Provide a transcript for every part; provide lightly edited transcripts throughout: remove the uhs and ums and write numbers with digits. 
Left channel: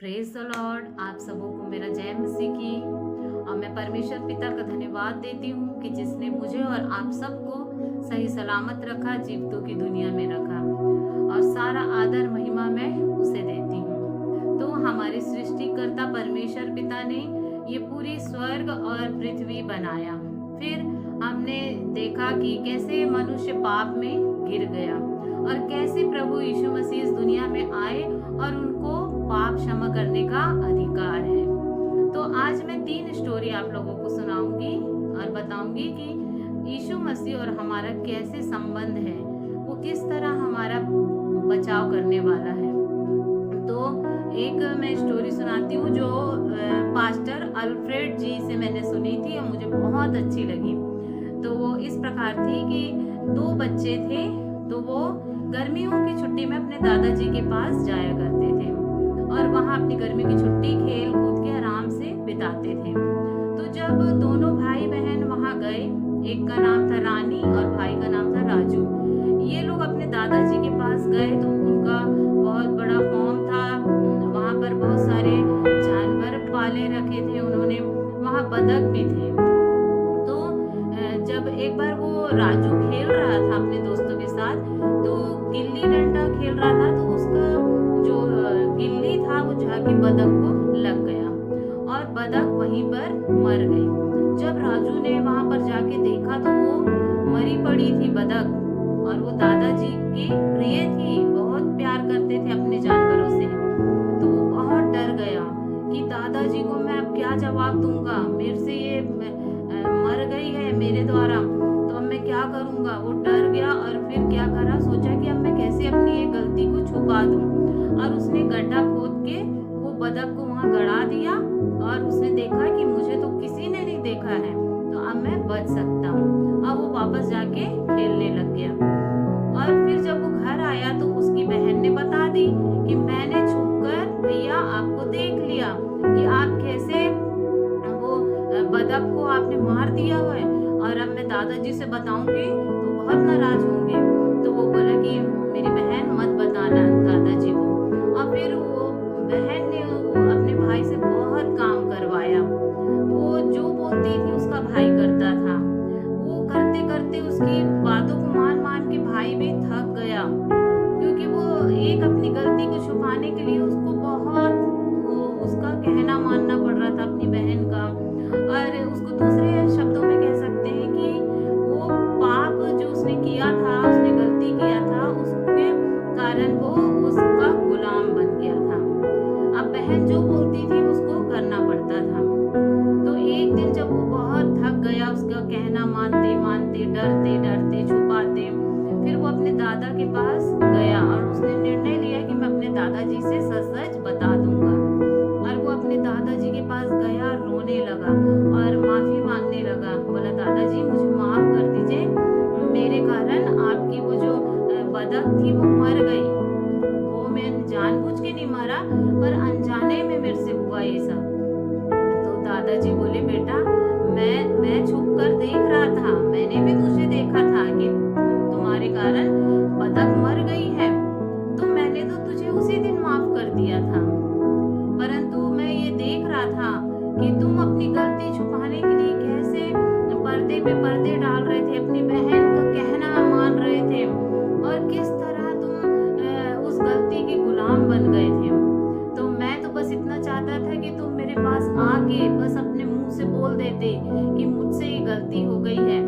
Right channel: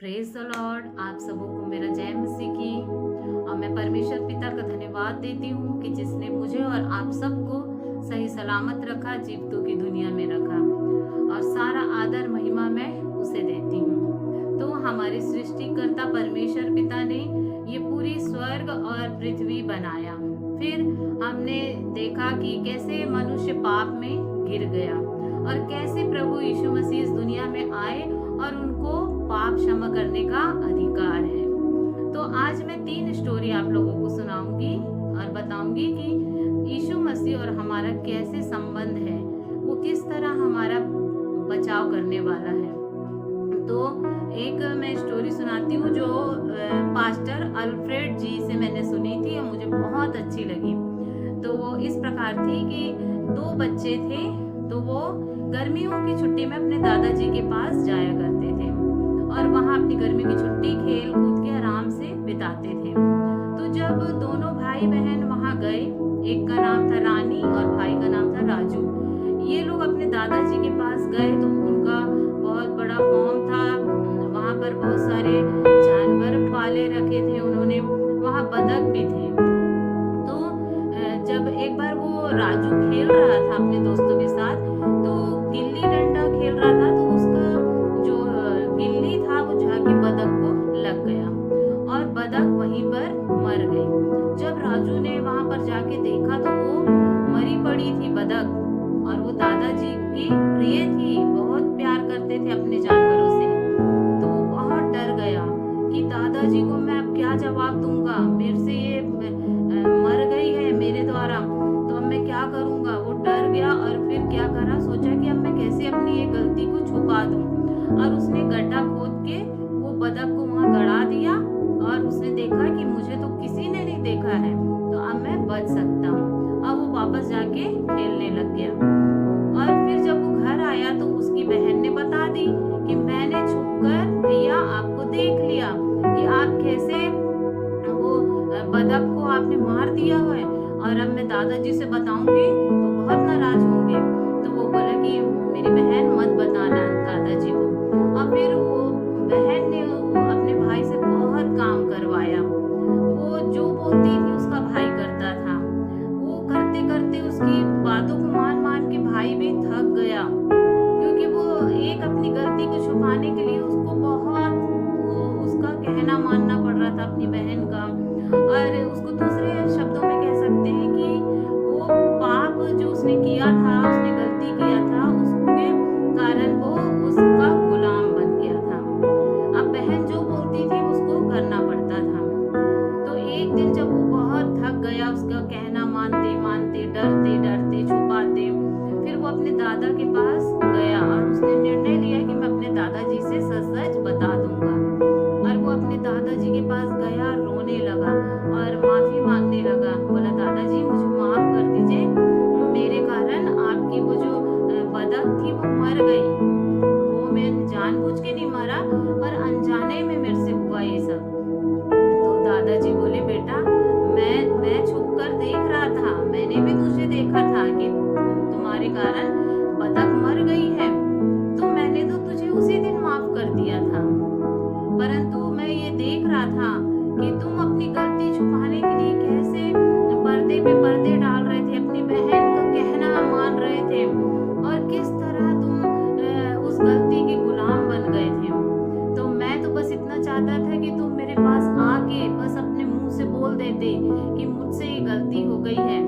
Praise the Lord. आप सबों को मेरा जय मसीह की। और मैं परमेश्वर पिता का धन्यवाद देती हूँ कि जिसने मुझे और आप सबको सही सलामत रखा, जीवितों की दुनिया में रखा, और सारा आदर महिमा मैं उसे देती हूँ। तो हमारे सृष्टिकर्ता परमेश्वर पिता ने ये पूरी स्वर्ग और पृथ्वी बनाया। फिर हमने देखा कि कैसे मनुष्य पाप में गिर गया और कैसे प्रभु यीशु मसीह इस दुनिया में आए और उनको पाप क्षमा करने का अधिकार है। तो आज मैं 3 स्टोरी आप लोगों को सुनाऊंगी और बताऊंगी कि यीशु मसीह और हमारा कैसे संबंध है, वो किस तरह हमारा बचाव करने वाला है। तो एक मैं स्टोरी सुनाती हूँ जो पास्टर अल्फ्रेड जी से मैंने सुनी थी और मुझे बहुत अच्छी लगी। तो वो इस प्रकार थी कि 2 बच्चे थे, तो वो गर्मियों की छुट्टी में अपने दादाजी के पास जाया करते थे और वहाँ अपनी गर्मी की छुट्टी खेल कूद के आराम से बिताते थे। तो जब दोनों भाई बहन वहाँ गए, एक का नाम था रानी और भाई का नाम था राजू। ये लोग अपने दादाजी के पास गए तो उनका बहुत बड़ा फॉर्म था। वहाँ पर बहुत सारे जानवर पाले रखे थे उन्होंने, वहाँ बतख भी थे। तो जब एक बार वो राजू खेल रहा था अपने दोस्तों के साथ, तो गिल्ली डंडा खेल रहा था, तो उसका जो गिल्ली था वो जाके बतख को लग गया और बतख वहीं पर मर गई। जब राजू ने वहां पर जाके देखा तो वो मरी पड़ी थी बतख, और वो दादाजी की प्रिय थी, बहुत प्यार करते थे अपने जानवरों से। तो वो बहुत डर गया कि दादाजी को मैं अब क्या जवाब दूंगा, मेरे से ये मर गई है मेरे द्वारा, तो अब मैं क्या करूंगा। वो डर गया और फिर क्या करा, सोचा कि अब मैं कैसे अपनी ये गलती को छुपा दूं, और उसने गड्ढा खोद के वो बतख को वहां गड़ा दिया और उसने देखा कि मुझे तो किसी ने नहीं देखा है, तो अब मैं बच सकता हूँ। अब वो वापस जाके खेलने लग गया। और फिर जब वो घर आया तो उसकी बहन ने बता दी कि मैंने छुपकर भैया आपको देख लिया कि आप कैसे वो बतख को आपने मार दिया है, और अब मैं दादाजी से बताऊंगी तो बहुत नाराज होंगे। तो वो बोला कि मेरी बहन मत बताना दादाजी को। और फिर वो बहन ने अपने भाई से बहुत काम करवाया। वो जो बोलती थी उसका भाई करता था। वो करते करते उसकी बातों को मान मान के भाई भी थक गया, क्योंकि वो एक अपनी गलती को छुपाने के लिए उसको बहुत उसका कहना मानना पड़ रहा था अपनी बहन का। और उसको दूसरे शब्दों में कह सकते हैं कि वो पाप जो उसने किया था, उसने गलती किया था, उसके कारण वो उसका गुलाम बन गया था। अब बहन जो बोलती थी उसको करना पड़ता था। तो एक दिन जब वो बहुत थक गया उसका कहना मानते मानते, डरते डरते, छुपाते, फिर वो अपने दादा के पास गया और उसने निर्णय लिया कि मैं अपने दादाजी से सच सच बता दूंगा। और वो अपने दादाजी के पास गया, रोने लगा और माफी मांगने लगा। बोला दादाजी मुझे माफ कर दीजिए, मेरे कारण आपकी वो जो बतख थी वो मर गई, वो मैं जानबूझ के नहीं मारा पर अनजाने में मेरे से हुआ ये सब। तो दादाजी बोले बेटा मैं छुप कर देख रहा था, मैंने भी तुझे देखा था कि तुम्हारे कारण बतख मर गई है, तो मैंने तो तुझे उसी दिन माफ कर दिया था। परंतु मैं ये देख रहा था कि तुम अपनी गलती छुपाने के लिए कैसे पर्दे पे पर्दे डाल रहे थे, अपनी बहन का कहना मान रहे थे, और किस तरह तुम उस गलती के गुलाम बन गए थे। तो मैं तो बस इतना चाहता था कि तुम मेरे पास आके बस अपने मुंह से बोल देते कि मुझसे ये गलती हो गई है,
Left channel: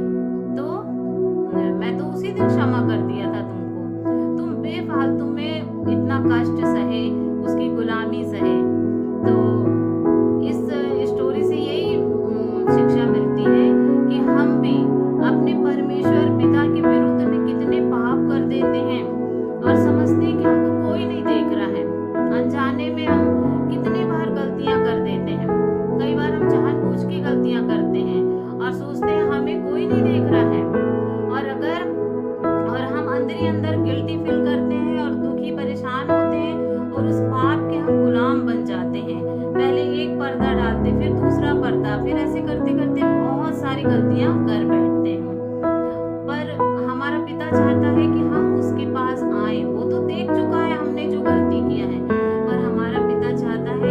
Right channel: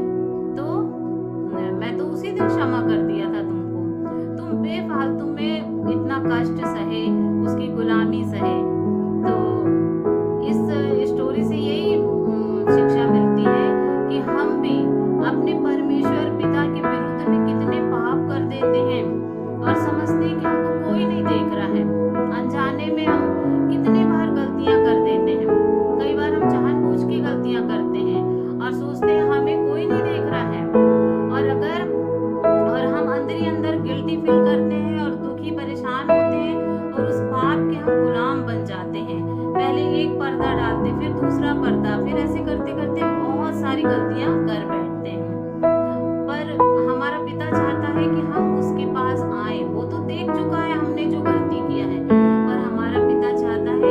तो मैं तो उसी दिन क्षमा कर दिया था तुमको। तुम बेफालतू में इतना कष्ट सहे, उसकी गुलामी सहे। तो इस स्टोरी से यही शिक्षा मिलती है कि हम भी अपने परमेश्वर पिता के विरुद्ध में कितने पाप कर देते हैं और समझते हैं कि हमको कोई नहीं देख रहा है। अनजाने में हम कितने बार गलतियां कर देते हैं। कई बार हम जानबूझ के गलतियां करते हैं और सोचते हैं हमें कोई नहीं देख रहा है, और हम अंदर ही अंदर गिल्टी फील करते हैं और दुखी परेशान होते हैं और उस पाप के हम गुलाम बन जाते हैं। पहले एक पर्दा डालते, फिर दूसरा पर्दा, फिर ऐसे करते करते बहुत सारी गलतियां कर बैठते हैं। पर हमारा पिता चाहता है कि हम उसके पास आए, वो तो देख चुका है हमने जो गलती किया है, पर हमारा पिता चाहता है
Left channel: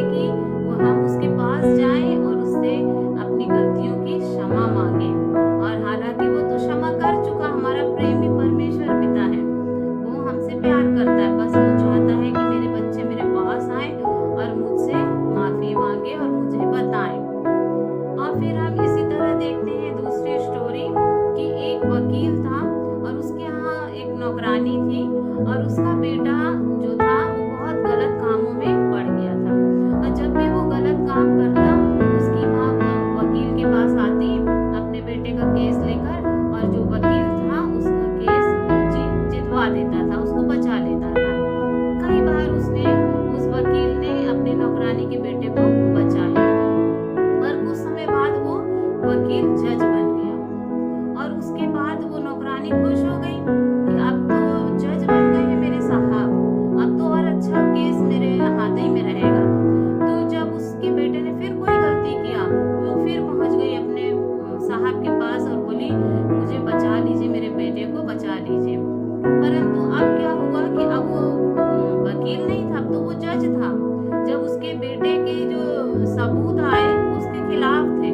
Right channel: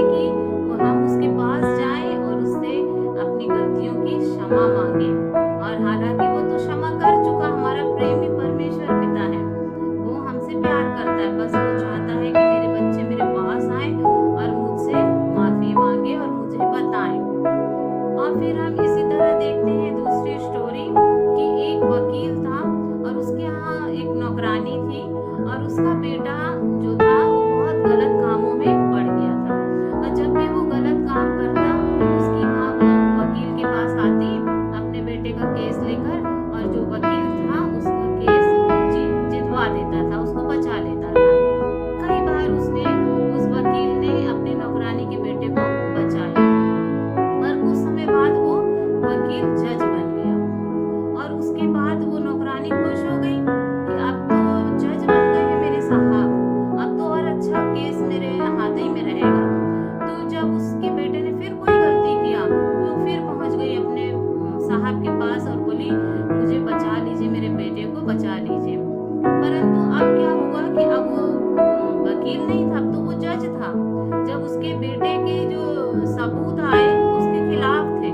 जब उसके बेटे के जो सबूत आए उसके खिलाफ थे,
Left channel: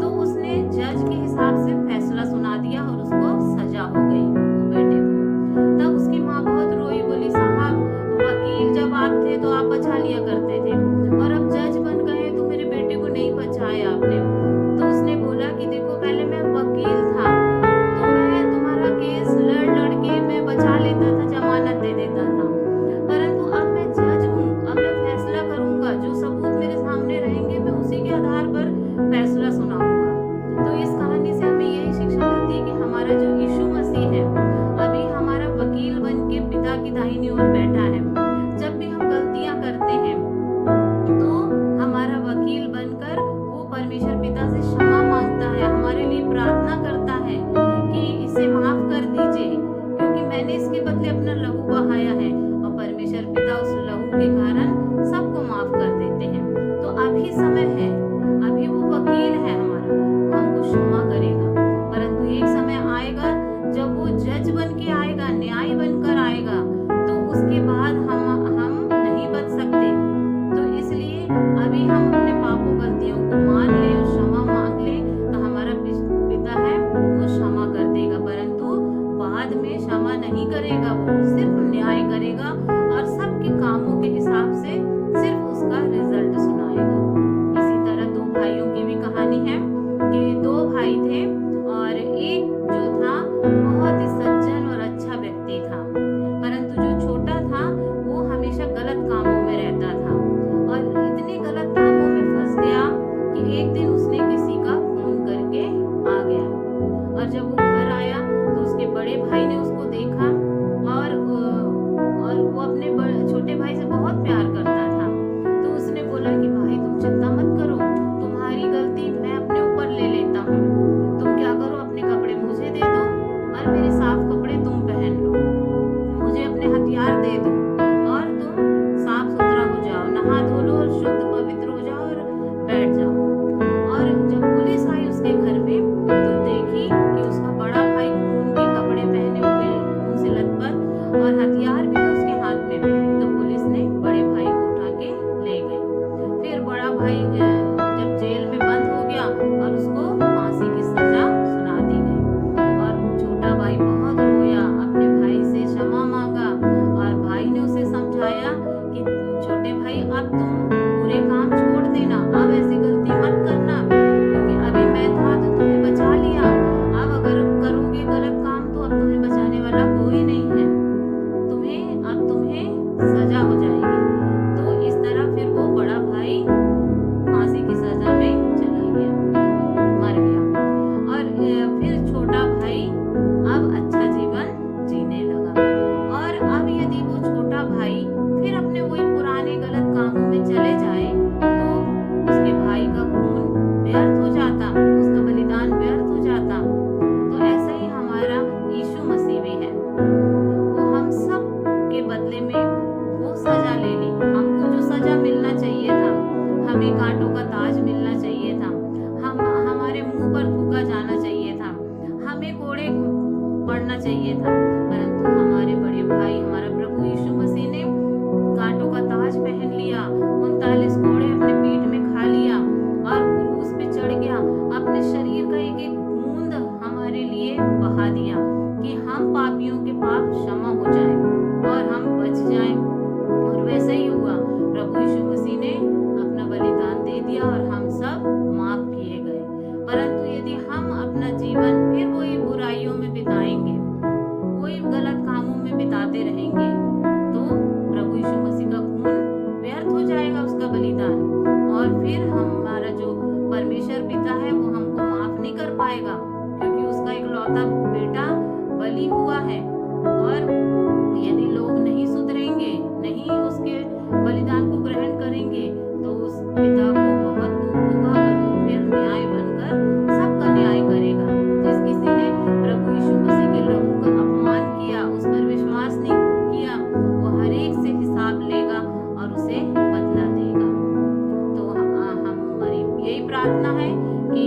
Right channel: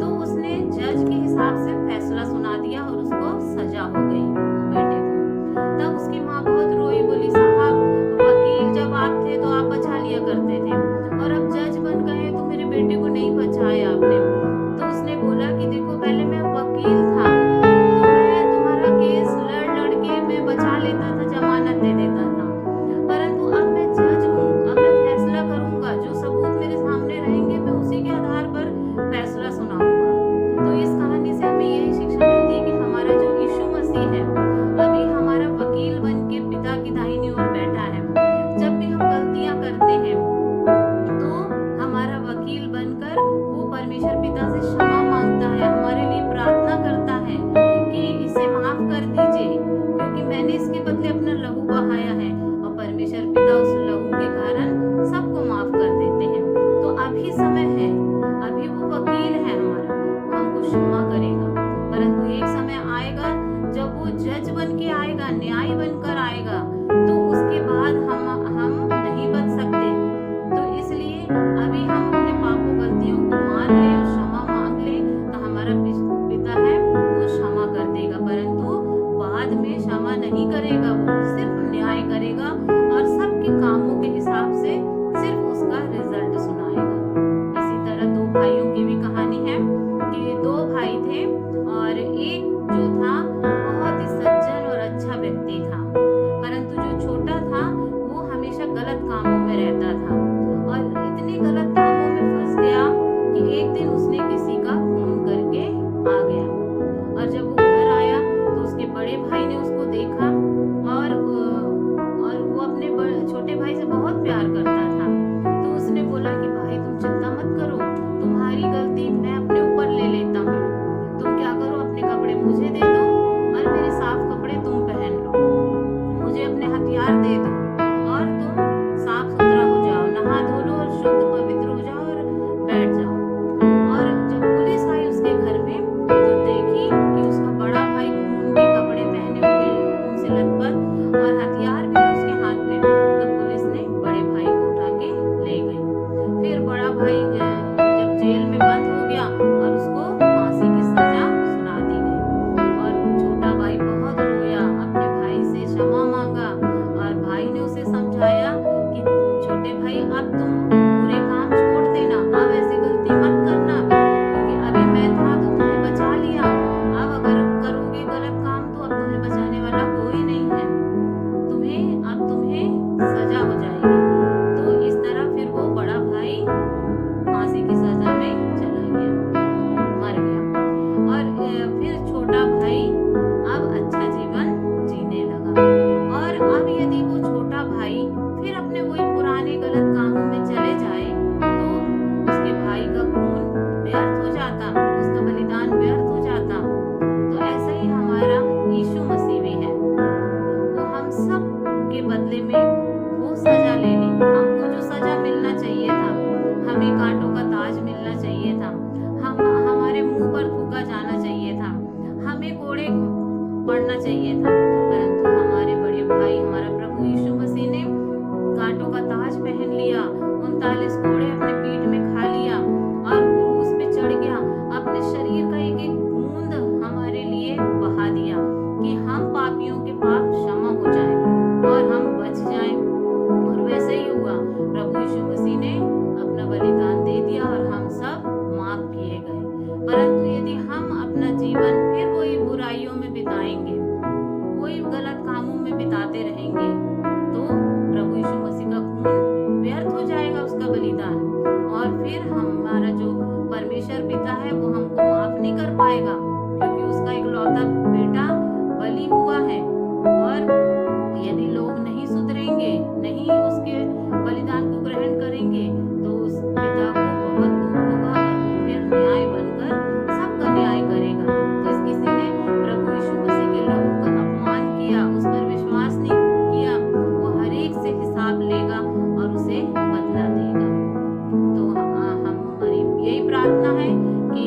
तो उसने जज के हिसाब से फैसला सुना दिया और उसको सजा हो गई वो बेटे को। तब उसकी माँ बहुत रोई, बोली साहब वकील जब आप थे तो आप बचा लिया करते थे, और अब जज बन गए तो मेरे बेटे को नहीं बचाया आपने। तो उसने बोला कि देखो पहले मैं वकील था तो मैं तुम्हारा केस लड़ लड़ के मैं बचा लेता था, जमानत दे देता था, परंतु अब मैं जज हूँ, अब मैं फैसला करूंगा, जो सबूत मेरे सामने रहेंगे मैं उसी के आधार पर फैसला सुनाऊंगा। तो इस कहानी से हमें यही शिक्षा मिलती है कि हमारा जो यीशु मसीह है अभी हमारा वकील बन के पिता की दाहिनी ओर बैठा है। जब भी हम गलतियां करते हैं तो हमारा वकील बनकर वो परमेश्वर पिता से क्षमा मांगता है, हमारे लिए प्रार्थना करता है कि इसे माफ कर दीजिए क्योंकि मैंने इसके बदले अपना लहू बहाया है, और परमेश्वर पिता उस लहू के कारण सबको माफ कर देते हैं। तो अभी समय है, अभी वो वकील है हमारा, वो हमको क्षमा करेगा, परंतु एक समय आएगा जब वो जज बन के आएगा, न्याय बनकर आएगा, तो उसके बाद हम नहीं बच सकते। तो इसलिए अभी हम अपने पापों गलतियों को मान लें और क्षमा मांग लें तो हमारा पिता है वो क्षमा कर देगा, परंतु बाद में क्षमा नहीं करेगा, वो सिर्फ न्याय करेगा और सबके कामों के हिसाब से सिर्फ उसका रिजल्ट सुनाएगा। इसी तरह दो भाइयों की भी कहानी है कि दो भाई थे और एक जो था बहुत ही सज्जन और अच्छा व्यक्ति था, परंतु जो छोटा था वो हमेशा गलत कामों में रहता था और इतने गलत कामों में फंस गया कि एक दिन उसने किसी का खून करके आ गया। और जब वो घर आया तो उसके बड़े भाई ने उसको देखा और वो अपने छोटे भाई से बहुत प्यार करता था। तो उसने बोला कि भाई तुम चिंता मत करो, तुम्हारी गलती मैं अपने ऊपर ले लेता हूँ, तुम क्या करो अपने कपड़े मुझे दे दो और मेरे साफ कपड़े तुम पहन लो, मुझे अपने हथियार दे दो और तुम साफ सुथरा हो जाओ, नहा धो लो और शुद्ध पवित्र हो जाओ और बैठ जाओ। और जब पुलिस आई उसके घर में तो देखी कि उसका बड़ा भाई खून के कपड़े पहने हुए, खून से लथपथ और हथियार भी है उसके हाथ में, तो पुलिस ने बड़े भाई को उठा के ले गई। फिर बड़ा भाई जब जेल में बंद हो गया और उसको फांसी की सजा सुना दी गई, और छोटा भाई बहुत रोया, अपने भाई से क्षमा मांगा और भाई ने उसे समझाया कि छोटे भाई अब तुम बुरे काम छोड़ देना, अब ऐसी गलती मत करना क्योंकि अभी मैं था तो तुम्हें बचा लिया, अब अगर करोगे गलत काम तो अब तुम्हें बचाने वाला कोई नहीं है, अब तुम्हें सजा हो जाएगी। तो इस तरह फिर वो बड़ा भाई फांसी की सजा में चला गया, मर गया, और फिर छोटा भाई अब अच्छा जीवन जीने लगा। और अब यदि वो छोटा भाई फिर अपने वही पुराने गलत कामों में चले जाए तो उसके भाई का खून व्यर्थ हो जाता, उसका बलिदान व्यर्थ हो जाता। तो ऐसा ही हमारा यीशु मसीह भी है, वो हम सब के बदले में वो सजा ले ली, हमको जो सजा मिलना चाहिए था, हमें कांटों का ताज मिलना चाहिए था, हमारे मुंह पर थूका जाना चाहिए था, हमें कोड़े पड़ना चाहिए था, परंतु हमारे बड़े भाई हमारा प्रभु यीशु मसीह ने कांटों का ताज पहन लिया, 39 कोड़े अपने पीठ में खा लिया और क्रूस पे चढ़ गया, अपने शरीर का एक एक बूंद हमारे लिए बहा दिया कि हम पापियों के पाप क्षमा हो जाएं और हम बच जाएं। और वैसे ही हुआ, प्रभु यीशु मसीह ने अपना बलिदान दे दिया और हम सब माफ किए गए। परंतु यदि हम अपना जीवन फिर वही बुराइयों में बिताएंगे, वही गलत कामों में बिताते रहेंगे, तो प्रभु यीशु मसीह का खून व्यर्थ हो जाएगा, उसका बलिदान, और फिर हमारा जो परमेश्वर पिता है वो हमको माफ नहीं कर पाएगा क्योंकि उसका इकलौता बेटा बलि हुआ है। और यदि लोग नहीं सुधरेंगे, नहीं उसके बलिदान को ग्रहण करेंगे तो उस पिता को बहुत दुख होगा और वो फिर न्याय बनकर सबका न्याय करेगा। जिस किसी ने प्रभु यीशु मसीह के लहू का अपमान किया, उस पर विश्वास नहीं किया, वो हर एक से हिसाब लेगा और उसे बदला देगा। तो हमारी यही प्रार्थना है कि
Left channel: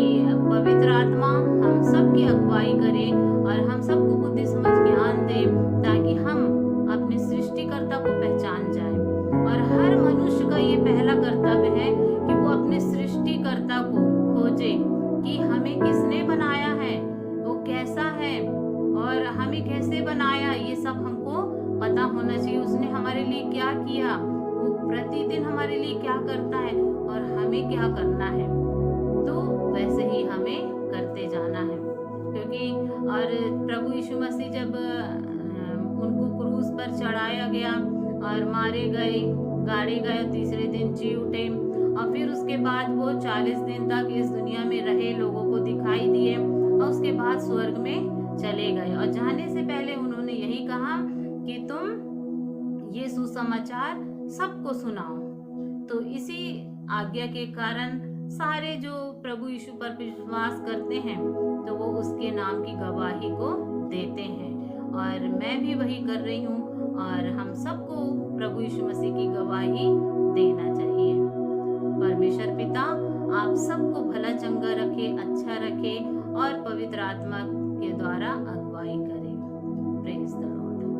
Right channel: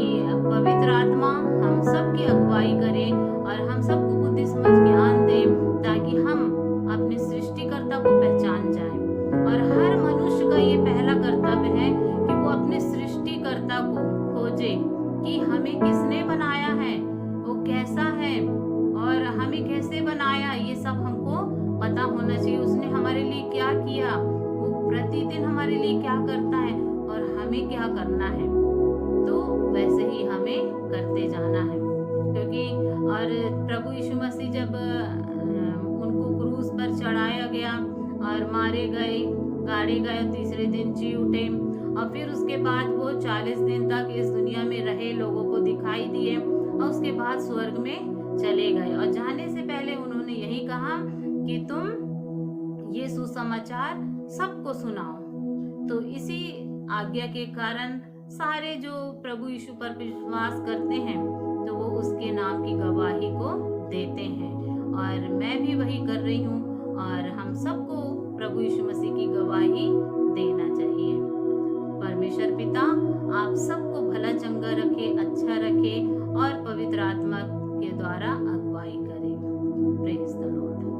पवित्र आत्मा हम सब की अगुवाई करे और हम सबको बुद्धि समझ ज्ञान दे ताकि हम अपने सृष्टिकर्ता को पहचान जाएं। और हर मनुष्य का ये खोजे कि हमें किसने बनाया है, वो कैसा है और हमें कैसे बनाया, ये सब हमको पता होना चाहिए। उसने हमारे लिए क्या किया, वो प्रतिदिन हमारे लिए क्या करता है और हमें क्या करना है, तो वैसे ही हमें करते जाना है। क्योंकि और प्रभु यीशु मसीह जब उनको क्रूस पर चढ़ाया गया और मारे गए, गाड़े गए, तीसरे दिन जी उठे और फिर उसके बाद वो 40 दिन तक इस दुनिया में रहे, लोगों को दिखाई दिए और उसके बाद स्वर्ग में चले गए। और जाने से पहले उन्होंने यही कहा कि तुम ये सुसमाचार सबको सुनाओ। तो इसी आज्ञा के कारण सारे जो प्रभु यीशु पर विश्वास करते हैं तो वो उसके नाम की गवाही को देते हैं। और मैं भी वही कर रही हूँ और हम सबको प्रभु यीशु मसीह की गवाही देना चाहिए। परमेश्वर पिता आप सबको भला चंगा रखे, अच्छा रखे और पवित्र आत्मा के द्वारा अगुवाई करे। Praise the Lord.